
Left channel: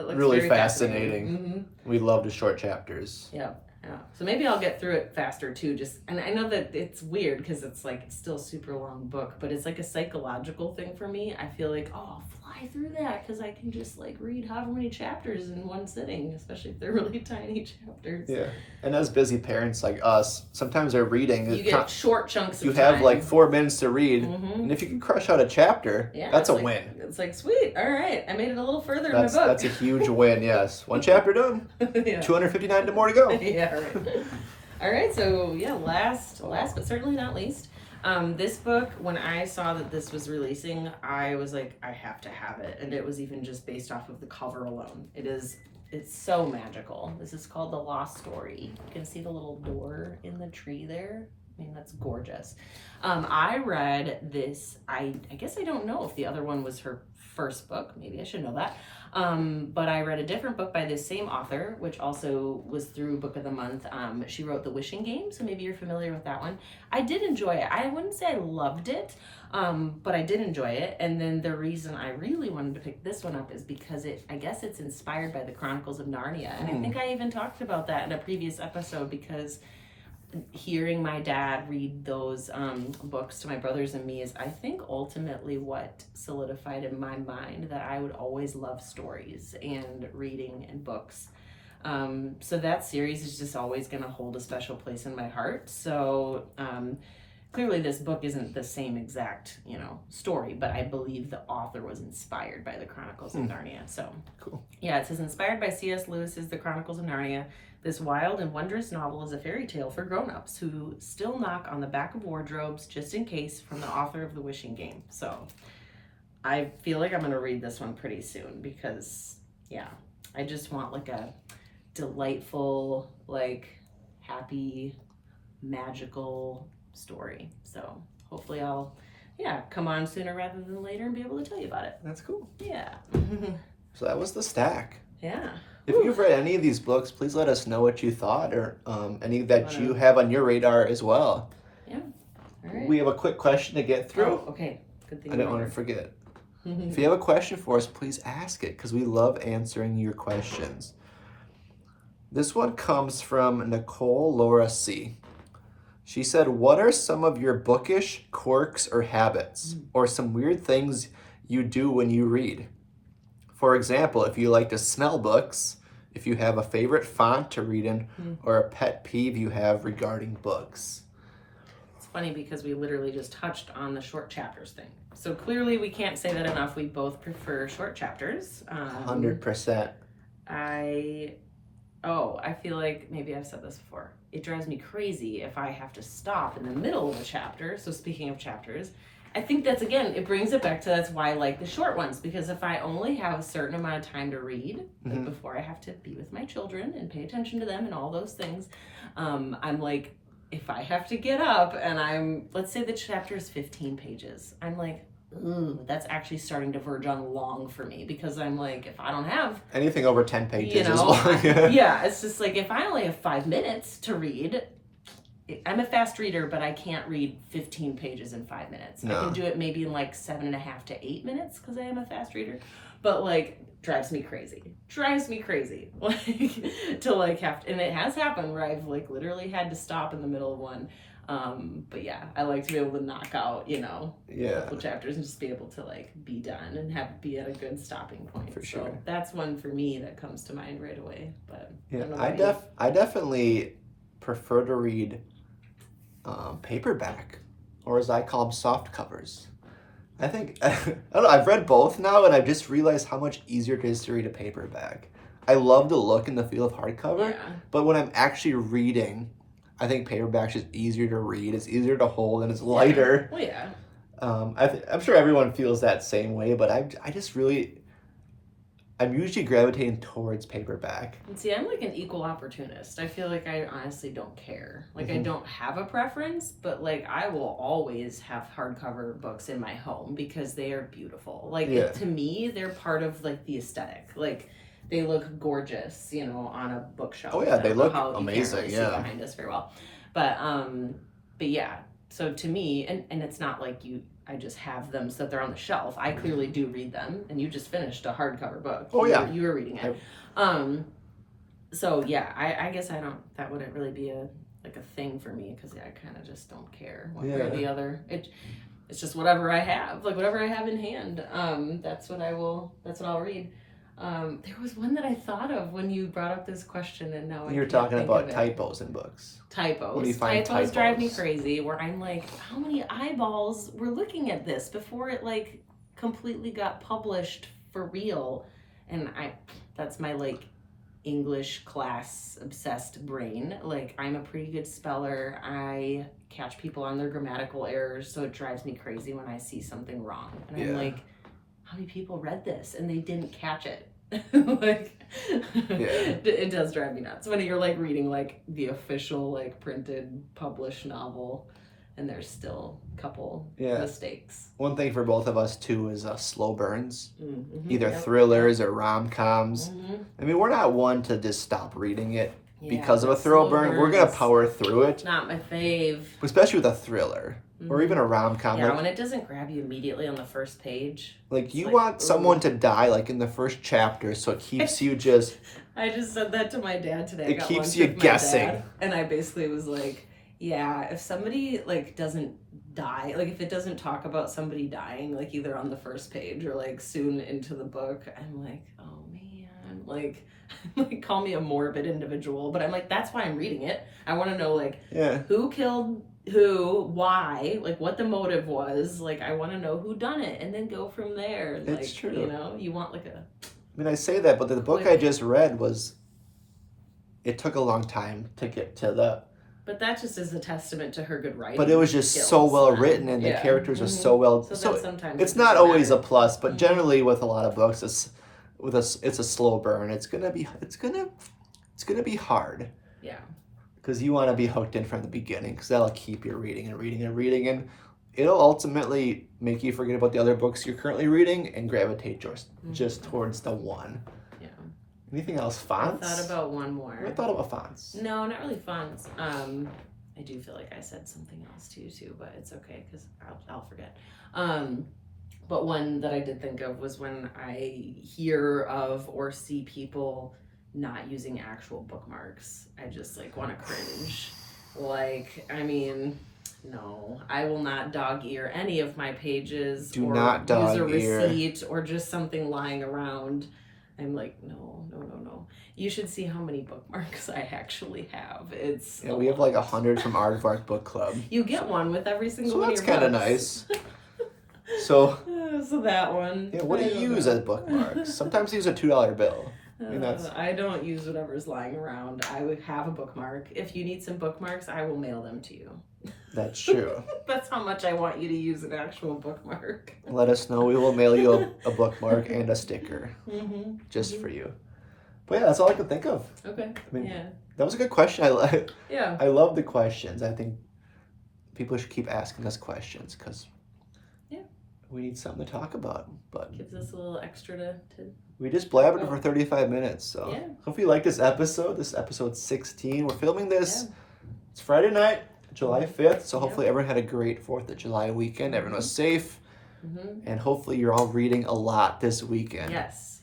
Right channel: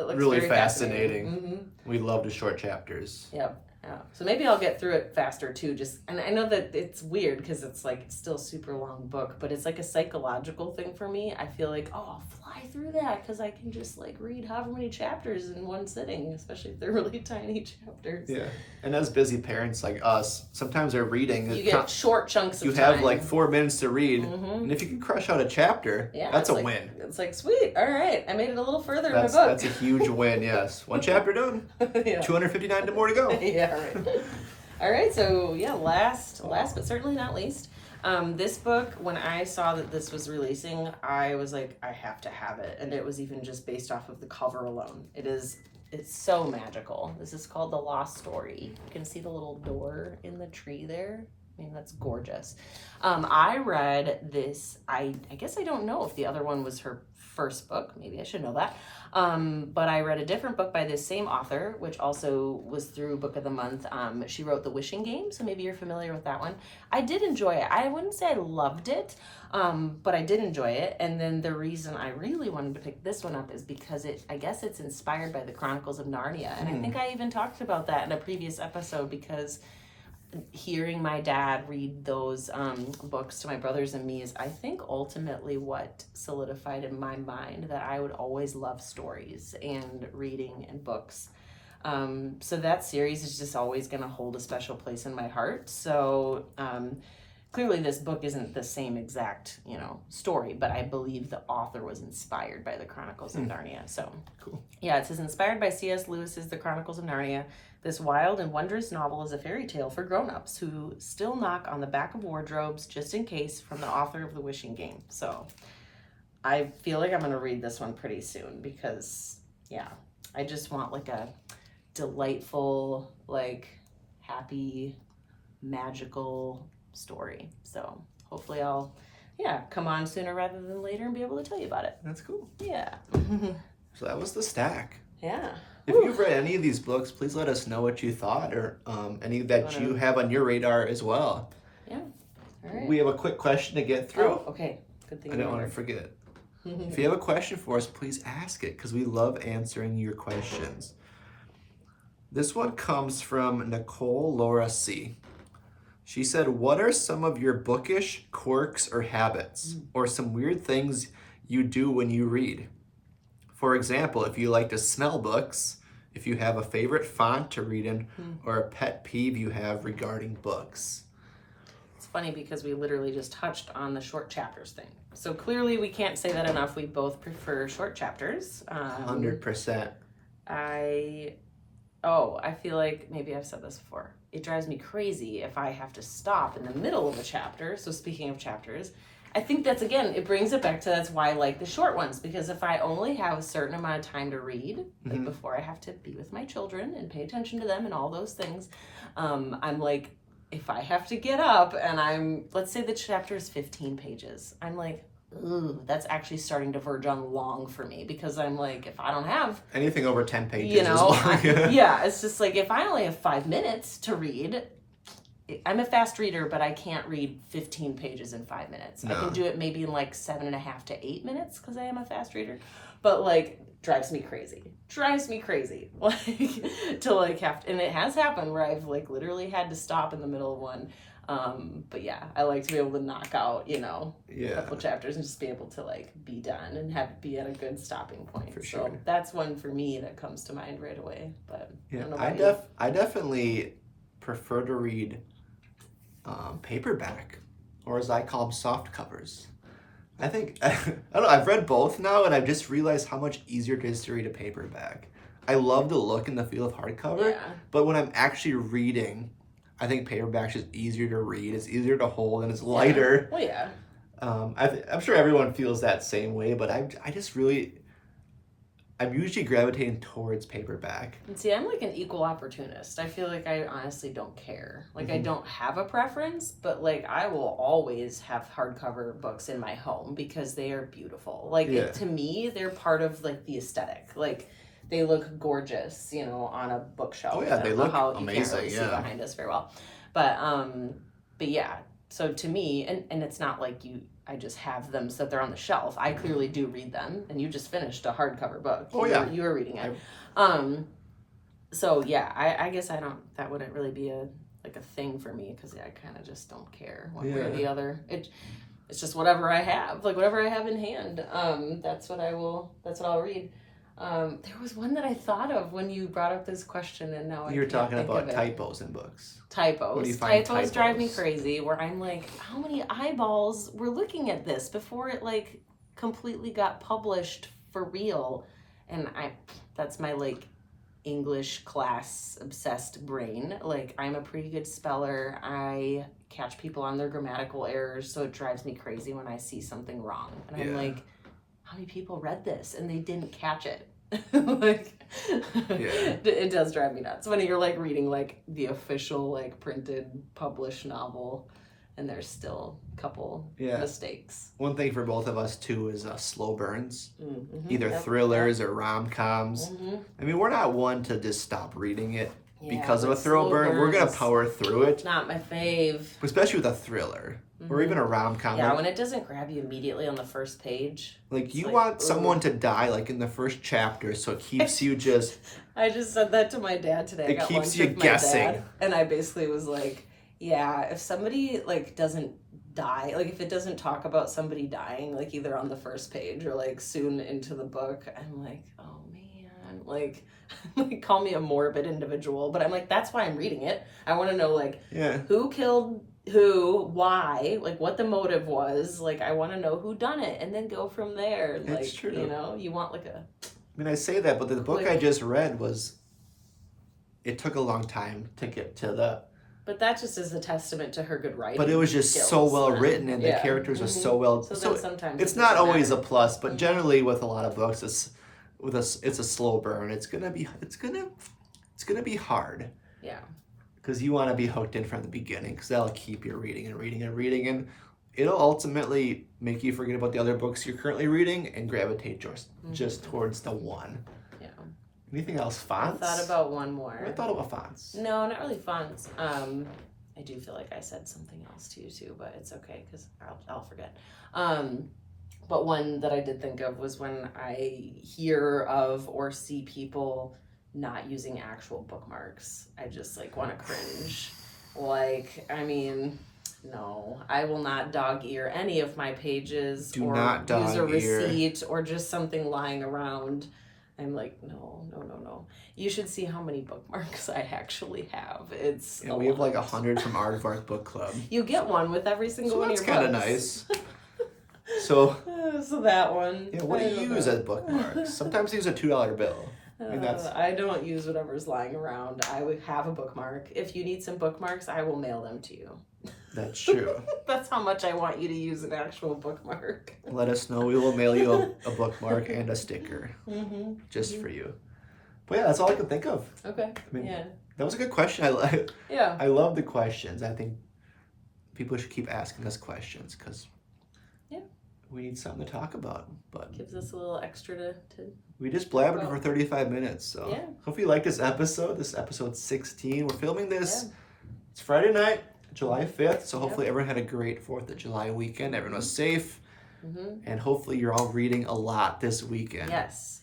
fascinating. We love the short chapters. Yep. Yeah. So maybe I'll get through it faster too. And I know that it's weird because it's like still a super long book, but it's like a psychological thing for me. I feel like, oh, I'll fly through that because I can just like read however many chapters in one sitting, especially if they're really tiny chapters. Yeah. And as busy parents like us, sometimes they're reading. You get short chunks of time. You have like 4 minutes to read. And if you can crush out a chapter, that's a win. It's like, sweet. All right. I made it a little further in my book. That's a huge win, yes. 1 chapter done. 259 more to go. Yeah. All right, so yeah, last but certainly not least, this book, when I saw that this was releasing, I was like, I have to have it, and it was even just based off of the cover alone. It's so magical. This is called The Lost Story. You can see the little door in the tree there. I mean, that's gorgeous. I read this, I guess I don't know if the other one was her first book. Maybe I should know that. But I read a different book by this same author, which also was through Book of the Month. She wrote The Wishing Game, so maybe you're familiar with that one. I did enjoy it. I wouldn't say I loved it, but I did enjoy it. And then the reason I really wanted to pick this one up is because I guess it's inspired by the Chronicles of Narnia. And I think I even talked about that in a previous episode because hearing my dad read those books to my brothers and me is, I think, ultimately what solidified in my mind that I would always love stories and reading and books. So that series is just always going to hold a special place in my heart. So clearly this book isn't the same exact, story, but I believe the author was inspired by the Chronicles of Narnia. So cool. Yeah, it says, inspired by C.S. Lewis's The Chronicles of Narnia, this wild and wondrous novel is a fairy tale for grown-ups who still knock on the back of wardrobes just in case, from the author of The Wishing Game. So I feel like I'm going to read this one pretty soon because, I just want like a delightful, like happy, magical story. So hopefully I'll, come on sooner rather than later and be able to tell you about it. That's cool. Yeah. So that was the stack. Yeah. If you've read any of these books, please let us know what you thought or any that you have on your radar as well. Yeah. All right. We have a quick question to get through. Oh, okay. Good thing. I don't want to forget. If you have a question for us, please ask it because we love answering your questions. This one comes from Nicole Laura C. She said, what are some of your bookish quirks or habits or some weird things you do when you read? For example, if you like to smell books, if you have a favorite font to read in, or a pet peeve you have regarding books. It's funny because we literally just touched on the short chapters thing. So clearly we can't say that enough. We both prefer short chapters. 100%. I I feel like maybe I've said this before. It drives me crazy if I have to stop in the middle of a chapter. So speaking of chapters, I think that's, again, it brings it back to, that's why I like the short ones, because if I only have a certain amount of time to read, like before I have to be with my children and pay attention to them and all those things, I'm like, if I have to get up and let's say the chapter is 15 pages, I'm like, ooh, that's actually starting to verge on long for me, because I'm like, if I don't have anything over 10 pages is long. Yeah, it's just like, if I only have 5 minutes to read, I'm a fast reader, but I can't read 15 pages in 5 minutes. No. I can do it maybe in like 7.5 to 8 minutes, because I am a fast reader, but like, drives me crazy, like to like have to, and it has happened where I've like literally had to stop in the middle of one. But yeah, I like to be able to knock out, a couple chapters and just be able to like be done and be at a good stopping point. For sure. So that's one for me that comes to mind right away. But yeah, I definitely prefer to read paperback, or as I call them, soft covers. I think I don't know. I've read both now, and I've just realized how much easier it is to read a paperback. I love the look and the feel of hardcover, but when I'm actually reading, I think paperback's just easier to read. It's easier to hold, and it's lighter. Well, yeah. I'm sure everyone feels that same way, but I'm usually gravitating towards paperback. And see, I'm like an equal opportunist. I feel like I honestly don't care. Like, I don't have a preference, but like, I will always have hardcover books in my home because they are beautiful. Like, to me, they're part of like the aesthetic. Like, they look gorgeous, on a bookshelf. Oh yeah, they look amazing. You can't really see behind us very well, but yeah. So to me, and it's not like I just have them so that they're on the shelf. I clearly do read them, and you just finished a hardcover book. Oh yeah, you were reading it. So yeah, I guess that wouldn't really be a thing for me, because I kind of just don't care one way or the other. It's just whatever I have, like whatever I have in hand. That's what I'll read. There was one that I thought of when you brought up this question, and now you're talking about typos in books. Typos. When you find typos drive me crazy, where I'm like, how many eyeballs were looking at this before it like completely got published for real? And that's my like English class obsessed brain. Like, I'm a pretty good speller. I catch people on their grammatical errors, so it drives me crazy when I see something wrong. And I'm like, how many people read this and they didn't catch it? It does drive me nuts when you're like reading like the official like printed published novel and there's still a couple mistakes. One thing for both of us too is slow burns, either thrillers or rom-coms. I mean, we're not one to just stop reading it because of a slow burn. We're gonna power through it. Not my fave, especially with a thriller. Or even a rom-com. Yeah, when it doesn't grab you immediately on the first page. Like, you want someone to die, like, in the first chapter, so it keeps you just... I just said that to my dad today. It keeps you guessing. Dad, and I basically was like, yeah, if somebody, like, doesn't die, like, if it doesn't talk about somebody dying, like, either on the first page or, like, soon into the book, I'm like, oh, man, like... like, call me a morbid individual, but I'm like, that's why I'm reading it. I want to know, like, who killed... who, why, like what the motive was, like I want to know who done it and then go from there. Like, it's true. You want like a... I mean, I say that, but the book I just read it took a long time to get to the... But that just is a testament to her good writing. But it was just so well written, and the characters are so well... So sometimes it's not always a plus, but generally with a lot of books, it's a slow burn. It's gonna be hard. Yeah. Because you want to be hooked in from the beginning, because that'll keep you reading and reading and reading, and it'll ultimately make you forget about the other books you're currently reading and gravitate just towards the one. Yeah. Anything else? Fonts? I thought about one more. I thought about fonts. No, not really fonts. I do feel like I said something else to you too, but it's okay because I'll forget. But one that I did think of was when I hear of or see people not using actual bookmarks. I just like want to cringe. Like, I mean, no, I will not dog ear any of my pages. Do not dog ear. Use a receipt or just something lying around. I'm like, no. You should see how many bookmarks I actually have. It's we have like 100 from Aardvark Book Club. You get one with every single one of your books. So that's kind of nice. So that one. Yeah, what do you use as bookmarks? Sometimes I use a $2 bill. mean, that's I don't use whatever's lying around. I would have a bookmark. If you need some bookmarks, I will mail them to you. that's true. That's how much I want you to use an actual bookmark. Let us know. We will mail you a bookmark and a sticker just for you. But yeah, that's all I can think of. Okay. I mean, Yeah. that was a good question. Yeah. I love the questions. I think people should keep asking us questions because we need something to talk about. But Gives us a little extra to we just blabbered for 35 minutes. So Yeah. hope you like this episode. This is episode 16. We're filming this. It's Friday night, July 5th. So hopefully everyone had a great 4th of July weekend. Everyone was safe. And hopefully you're all reading a lot this weekend. Yes.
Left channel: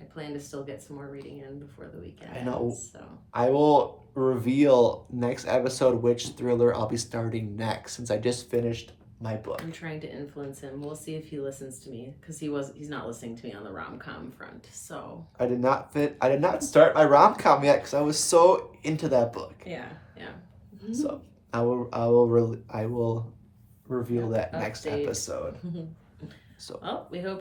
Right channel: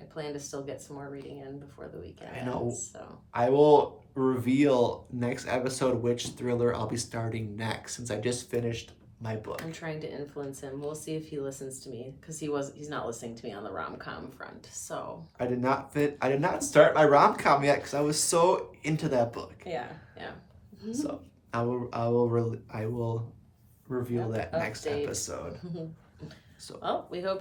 I plan to still get some more reading in before the weekend. I know. So I will reveal next episode which thriller I'll be starting next since I just finished my book. I'm trying to influence him. We'll see if he listens to me because he's not listening to me on the rom-com front. So I did not start my rom-com yet because I was so into that book. Yeah. So I will reveal that next Update. episode. So Well, we hope